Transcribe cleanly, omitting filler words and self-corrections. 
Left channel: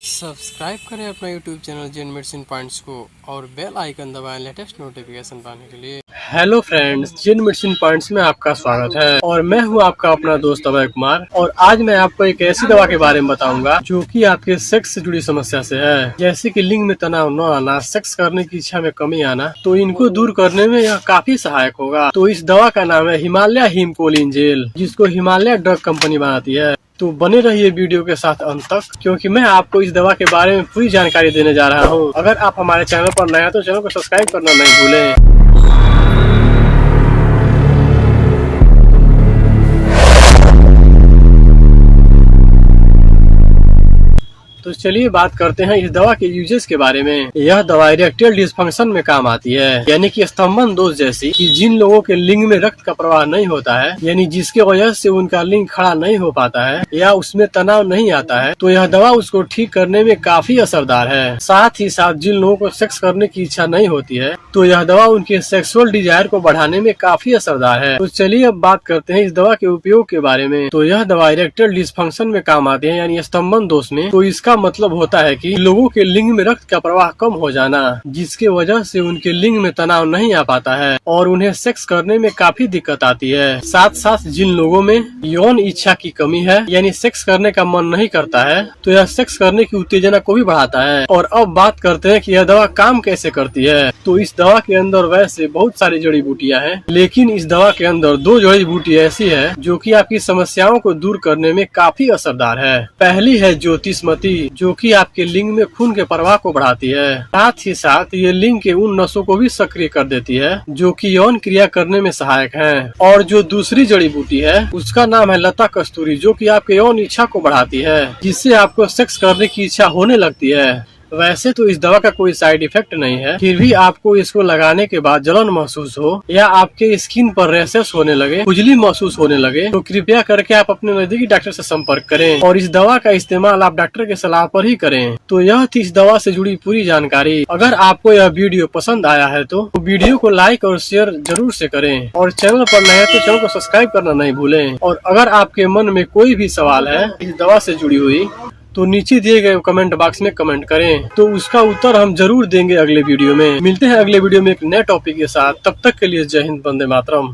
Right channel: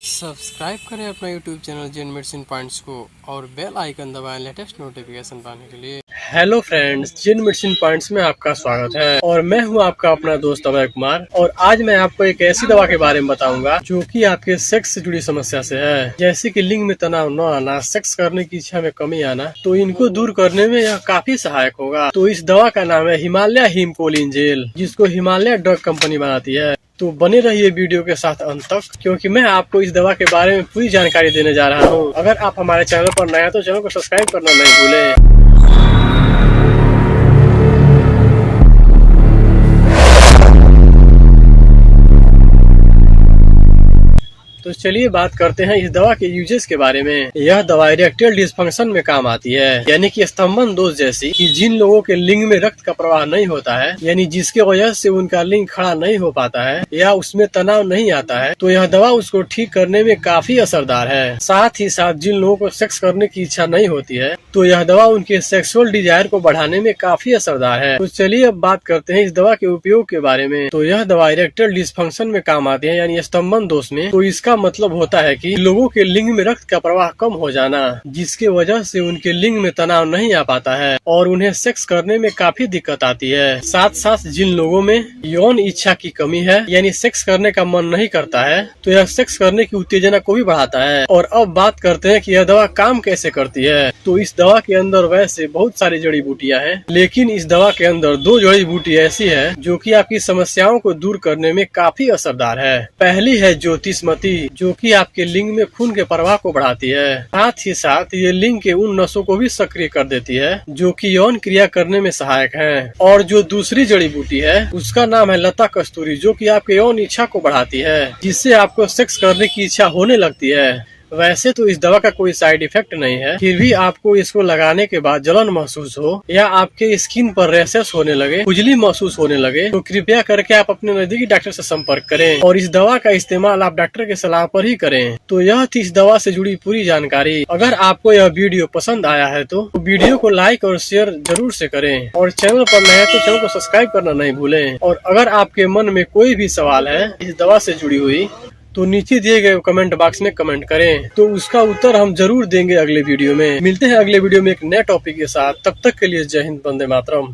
Subscribe करें अपना YouTube channel जेन medicine points को और बेल आइकन दबाएं लेटेस्ट नोटिफिकेशन पाने के लिए। हेलो फ्रेंड्स, जेन मेडिसिन पॉइंट्स में आपका स्वागत है और मैं हूं आपका अपना दोस्त अभय कुमार। और आज मैं आपको एक ऐसी दवा के बारे में बताऊंगा जो कि आपके सेक्स से जुड़ी समस्या से है, जैसे कि लिंग में तनाव न आना, सेक्स करने की इच्छा में कमी आना। तो इनको दूर करने में यह काफी सहायक होगा। तो इस दवा का नाम है हिमालय हीमकोलिन जेल, जिसको हिमालय ड्रग कंपनी बनाती है। तो बने रहिए वीडियो के साथ अंत तक, क्योंकि मैं आपको इस दवा के बारे में पूरी जानकारी देने जा रहा हूँ। अगर आप हमारे चैनल पर नए हैं तो चैनल को सब्सक्राइब करना नहीं भूलें। तो चलिए बात करते हैं इस दवा के यूजेस के बारे में। यह दवा इरेक्टाइल डिसफंक्शन में काम आती है, यानी कि स्तंभन दोष जैसी, कि जिन लोगों के लिंग में रक्त का प्रवाह नहीं होता है, यानी जिसके वजह से उनका लिंग खड़ा नहीं हो पाता है या उसमें तनाव नहीं आता है, तो यह दवा उसको ठीक करने में काफी असरदार है। साथ ही साथ जिन लोगों को सेक्स करने की इच्छा नहीं होती है, तो यह दवा उनके सेक्सुअल डिजायर को बढ़ाने में काफी असरदार है। तो चलिए अब बात करते हैं इस दवा के उपयोग के बारे में। तो यह दवा इरेक्टाइल डिसफंक्शन में काम आती है, यानी स्तंभन दोष में। तो इसका मतलब होता है कि लोगों के लिंग में रक्त का प्रवाह कम हो जाना, जिसके वजह से उनके लिंग में तनाव नहीं आ पाता है और उन्हें सेक्स करने में काफी दिक्कत आती है। साथ साथ जिन लोगों में यौन इच्छा की कमी है, यानी सेक्स करने का मन नहीं करता है, तो यह सेक्स करने की उत्तेजना को भी बढ़ाता है। और अब बात करते हैं कि यह दवा काम कैसे करती है। तो इस दवा के अंदर वैसे बहुत सारी जड़ी बूटियां हैं, लेकिन इस दवा के अंदर दो जड़ी बूटी ऐसी है जो कि आपकी समस्याओं को दूर करने में काफी असरदार है। पहली है ज्योतिषमती, जो कि आपके लिंग में खून के प्रवाह को बढ़ाती है। साथ ही साथ ये लिंग के उन नसों को भी सक्रिय कर देती है जो कि यौन क्रिया करने में सहायक हैं। और जो दूसरी जड़ी बूटी है उसका नाम है लता कस्तूरी, जो कि आपके यौन इच्छा को बढ़ाती है, जिससे आपको सेक्स करने की इच्छा होने लगती है। वैसे तो इस दवा का कोई साइड इफेक्ट नहीं है, फिर भी आपको इसको लगाने के बाद जलन महसूस हो या आपके स्किन पर रैशेस होने लगे, खुजली महसूस होने लगे, तो कृपया करके आप अपने नजदीकी डॉक्टर से संपर्क करें और इस दवा का इस्तेमाल आप डॉक्टर के सलाह पर ही करें। तो यह थी इस दवा से जुड़ी पूरी जानकारी। अगर आपको यह वीडियो पसंद आया है तो वीडियो को लाइक और शेयर जरूर से करें और चैनल पर नए हैं तो चैनल को सब्सक्राइब करना नहीं भूलें। और अगर आपके मन में कोई भी सवाल है इस दवा से जुड़ी हुई, तो नीचे दिए गए कमेंट बॉक्स में कमेंट करें, तो उसका उत्तर हम जरूर देंगे अगले वीडियो में। मिलते हैं अगले वीडियो में एक नए टॉपिक के साथ। तब तक के लिए जय हिंद, वंदे मातरम।